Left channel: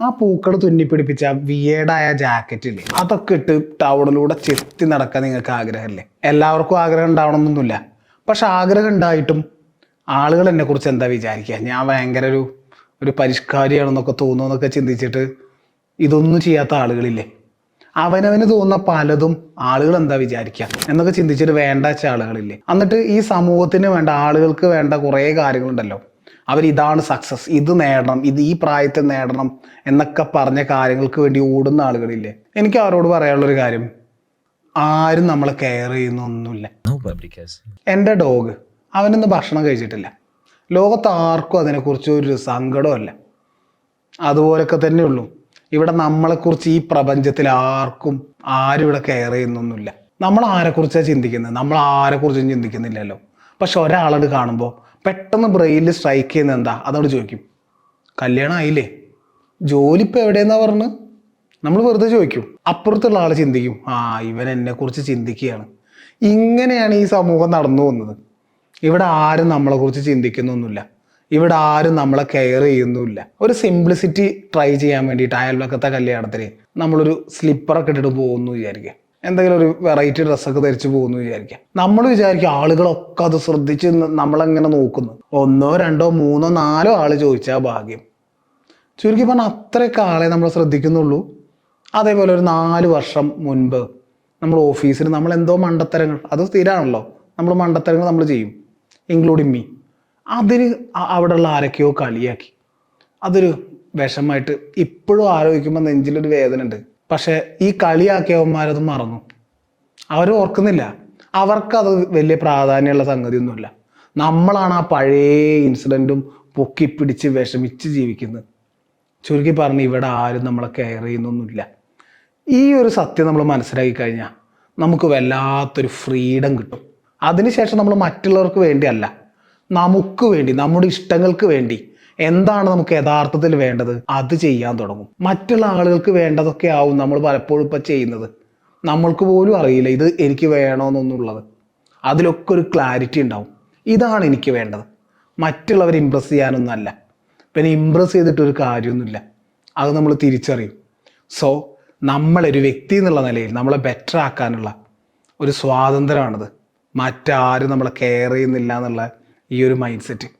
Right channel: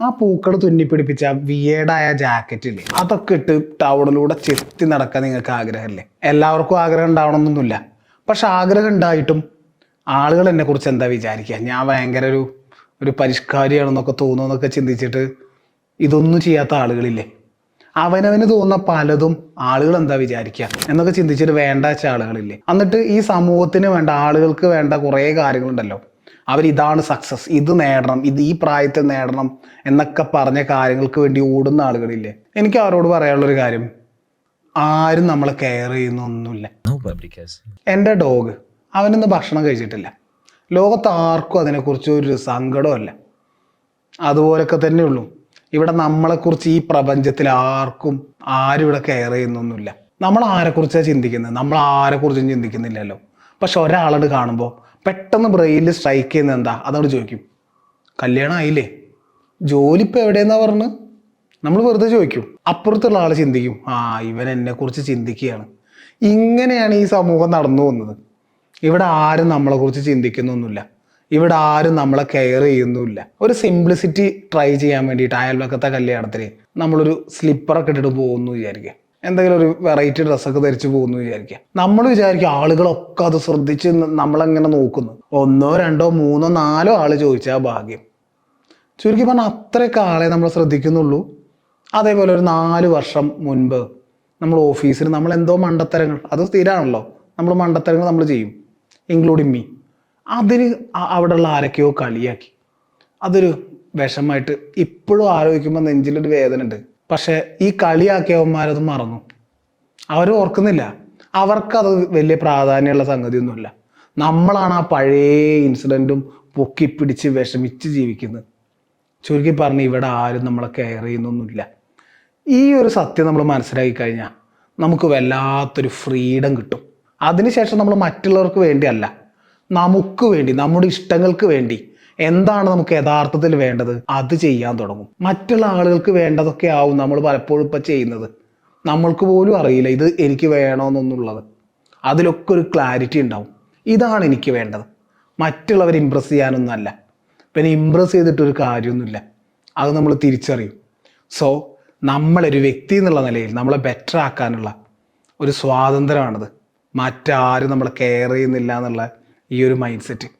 ആ പൂക്കൾ തുന്നിപ്പിടിപ്പിച്ച വിയേഡായ ജാക്കറ്റ് ഇല്ലേ, അതൊക്കെ ഇട്ട് ടൗണിലൂടെ ചെത്തി നടക്കാൻ നിങ്ങൾക്ക് ആഗ്രഹമല്ലേ? എല്ലാവർക്കും ആഗ്രഹം ഉണ്ടാവണമെന്നൊന്നുമില്ല. പക്ഷെ ആഗ്രഹം ഉണ്ടായിട്ടും ആളുകൾ എന്നെ കുറിച്ച് എന്താ വിചാരിക്കുക, ഞാൻ ഭയങ്കര ഒരു പരിഷ്കാരിയാണെന്നൊക്കെ തോന്നുന്നൊക്കെ ചിന്തിച്ചിട്ട് ഇതൊന്നും ചെയ്യാത്ത ആളുകളില്ലേ? അവനവന് തോന്നുന്ന പലതും ആളുകൾ എന്താ വിചാരിക്കുക എന്നൊക്കെ ചിന്തിച്ചിട്ട് വേണ്ട വെച്ച ആളുകളില്ലേ? എന്നിട്ട് ഈ സമൂഹത്തിന് വേണ്ട, ആളുകൾക്ക് വേണ്ട കുറേ കാര്യങ്ങളുണ്ടല്ലോ, ഇതാണ് സക്സസ്, ഇത് നേടണം, ഇത് ഈ പ്രായത്തിൽ നേടണം എന്നൊക്കെ പറഞ്ഞ കാര്യങ്ങൾക്ക് വേണ്ടി ഓടുന്ന ആളുകളില്ലേ? എനിക്ക് അവരോട് പറയാനുള്ളൊരു കാര്യം, ആരും നമ്മളെ കെയർ ചെയ്യുന്നൊന്നുമില്ല. എൻ്റെ ഡോഗ് അവനൊന്ന് ഭക്ഷണം കഴിച്ചിട്ടില്ല. ലോകത്ത് ആർക്കും അതിനെക്കുറിച്ച് ഒരു സങ്കടമല്ല. അതുപോലൊക്കെ തന്നെ ഉള്ളൂ ഇവിടെ നമ്മളെക്കുറിച്ച്. ഈ പ്രപഞ്ചത്തിൽ ആരും ഇവിടെ കെയർ ചെയ്യുന്നൊന്നുമില്ല. നമ്മൾ ആരെക്കുറിച്ചാണ് ചിന്തിക്കുന്നത്? നമ്മൾ ആരെക്കുറിച്ചും ചിന്തിക്കുന്നില്ലല്ലോ. പക്ഷെ ഒരാളോട് കാണുമ്പോൾ പെട്ടെന്ന് ബ്രെയിനിൽ സ്ട്രൈക്ക് ചെയ്യുന്നത് എന്താ? അതോട് ചോദിക്കും, കല്യാണം ആയില്ലേ, ജോലി ഇപ്പം എവിടെയെന്നാ പറഞ്ഞ്? നമ്മൾ വെറുതെ ചോദിക്കും. അപ്പുറത്തുള്ള ആൾ ചിന്തിക്കും, ഇവൻ എന്നെ കുറിച്ച് ചിന്തിക്കുകയാണ്. ഇങ്ങനെയാണ് ഈ സമൂഹം നടന്നു പോകുന്നത്. ഇവിടെ ആരും നമ്മളെ കുറിച്ച് ചിന്തിക്കുന്നൊന്നുമില്ല. ഇവിടെ ആരും നമ്മളെ കെയർ ചെയ്യുന്നുമില്ല. ഒരു സിംപ്ലിസിറ്റി ട്രൈ ചെയ്യാൻ വേണ്ടിയിട്ട് അയൽവക്കത്തെ കല്യാണത്തിന് നമ്മളൊരു സ്ലിപ്പറൊക്കെ ഇട്ടിട്ട് പോകുന്നു വിചാരിക്കുക, എന്തെങ്കിലും ഒരു വെറൈറ്റി ഡ്രസ്സൊക്കെ ധരിച്ച് പോകുന്നു വിചാരിക്കുക. നമ്മൾ വിചാരിക്കുക ആളുകളൊക്കെ അത് ശ്രദ്ധിച്ച് നമ്മളെങ്ങനെ നോക്കുന്നു. 1, 2, 3, 4 ആള് ചോദിച്ചാൽ ഭാഗ്യം. ചുരുക്കി പറഞ്ഞാൽ അത്രയൊക്കെ ആളെ നമ്മൾ ശ്രദ്ധിക്കുന്നുള്ളൂ. അതേപോലെ ഒരു 4 വർഷം മുൻപ് നമ്മൾ ഓഫീസിൽ നമ്മൾ എന്തോ മണ്ടത്തരങ്ങൾ, അത് സ്ഥിരമാണല്ലോ, നമ്മൾ മണ്ടത്തരങ്ങൾ നമ്മൾ ചെയ്യും, ഇൻക്ലൂഡിങ് മീ. അതിൽ അവിടെയുള്ള ആരൊക്കെയോ കളിയാക്കി. അതൊരു വിഷമായിട്ട് ഇപ്പോഴും ആലോചിക്കുമ്പോൾ നെഞ്ചിലൊരു വേദന ഉണ്ട്. പക്ഷെ ഈ കളിയാക്കിയവന്മാരത് മറന്നു, അവർ ഓർക്കുന്നില്ല. അവർക്കത് വലിയ പ്രാധാന്യമുള്ള സംഗതിയൊന്നുമില്ല. നമ്മളാണ് ആ പഴയ ഇൻസിഡൻറ്റും പൊക്കിപ്പിടിച്ച് വിഷമിച്ച് ജീവിക്കുന്നത്. ചുരുക്കി പറഞ്ഞ് ഇവിടെ ആരും നമ്മളെ കെയർ ചെയ്യുന്നൊന്നുമില്ല. ഈ ഒരു സത്യം നമ്മൾ മനസ്സിലാക്കി കഴിഞ്ഞാൽ നമുക്ക് വല്ലാത്തൊരു ഫ്രീഡം കിട്ടും. അതിനുശേഷം നമ്മൾ മറ്റുള്ളവർക്ക് വേണ്ടിയല്ല, നമുക്ക് വേണ്ടി, നമ്മുടെ ഇഷ്ടങ്ങൾക്ക് വേണ്ടി എന്താണ് നമുക്ക് യഥാർത്ഥത്തിൽ വേണ്ടത് അത് ചെയ്യാൻ തുടങ്ങും. മറ്റുള്ള ആളുകൾക്ക് വേണ്ടതൊക്കെ ആവും നമ്മൾ പലപ്പോഴും ഇപ്പം ചെയ്യുന്നത്. നമ്മൾക്ക് പോലും അറിയില്ല ഇത് എനിക്ക് വേണമെന്നൊന്നുള്ളത്. അതിലൊക്കെ ഒരു ക്ലാരിറ്റി ഉണ്ടാവും, ഇതാണ് എനിക്ക് വേണ്ടത്, മറ്റുള്ളവർ ഇമ്പ്രസ് ചെയ്യാനൊന്നല്ല. പിന്നെ ഇമ്പ്രസ് ചെയ്തിട്ടൊരു കാര്യമൊന്നുമില്ല, അത് നമ്മൾ തിരിച്ചറിയും. സോ നമ്മളൊരു വ്യക്തി എന്നുള്ള നിലയിൽ നമ്മളെ ബെറ്റർ ആക്കാനുള്ള ഒരു സ്വാതന്ത്ര്യമാണത്. മറ്റാരും നമ്മളെ കെയർ ചെയ്യുന്നില്ല എന്നുള്ള ഈ ഒരു മൈൻഡ് സെറ്റ്.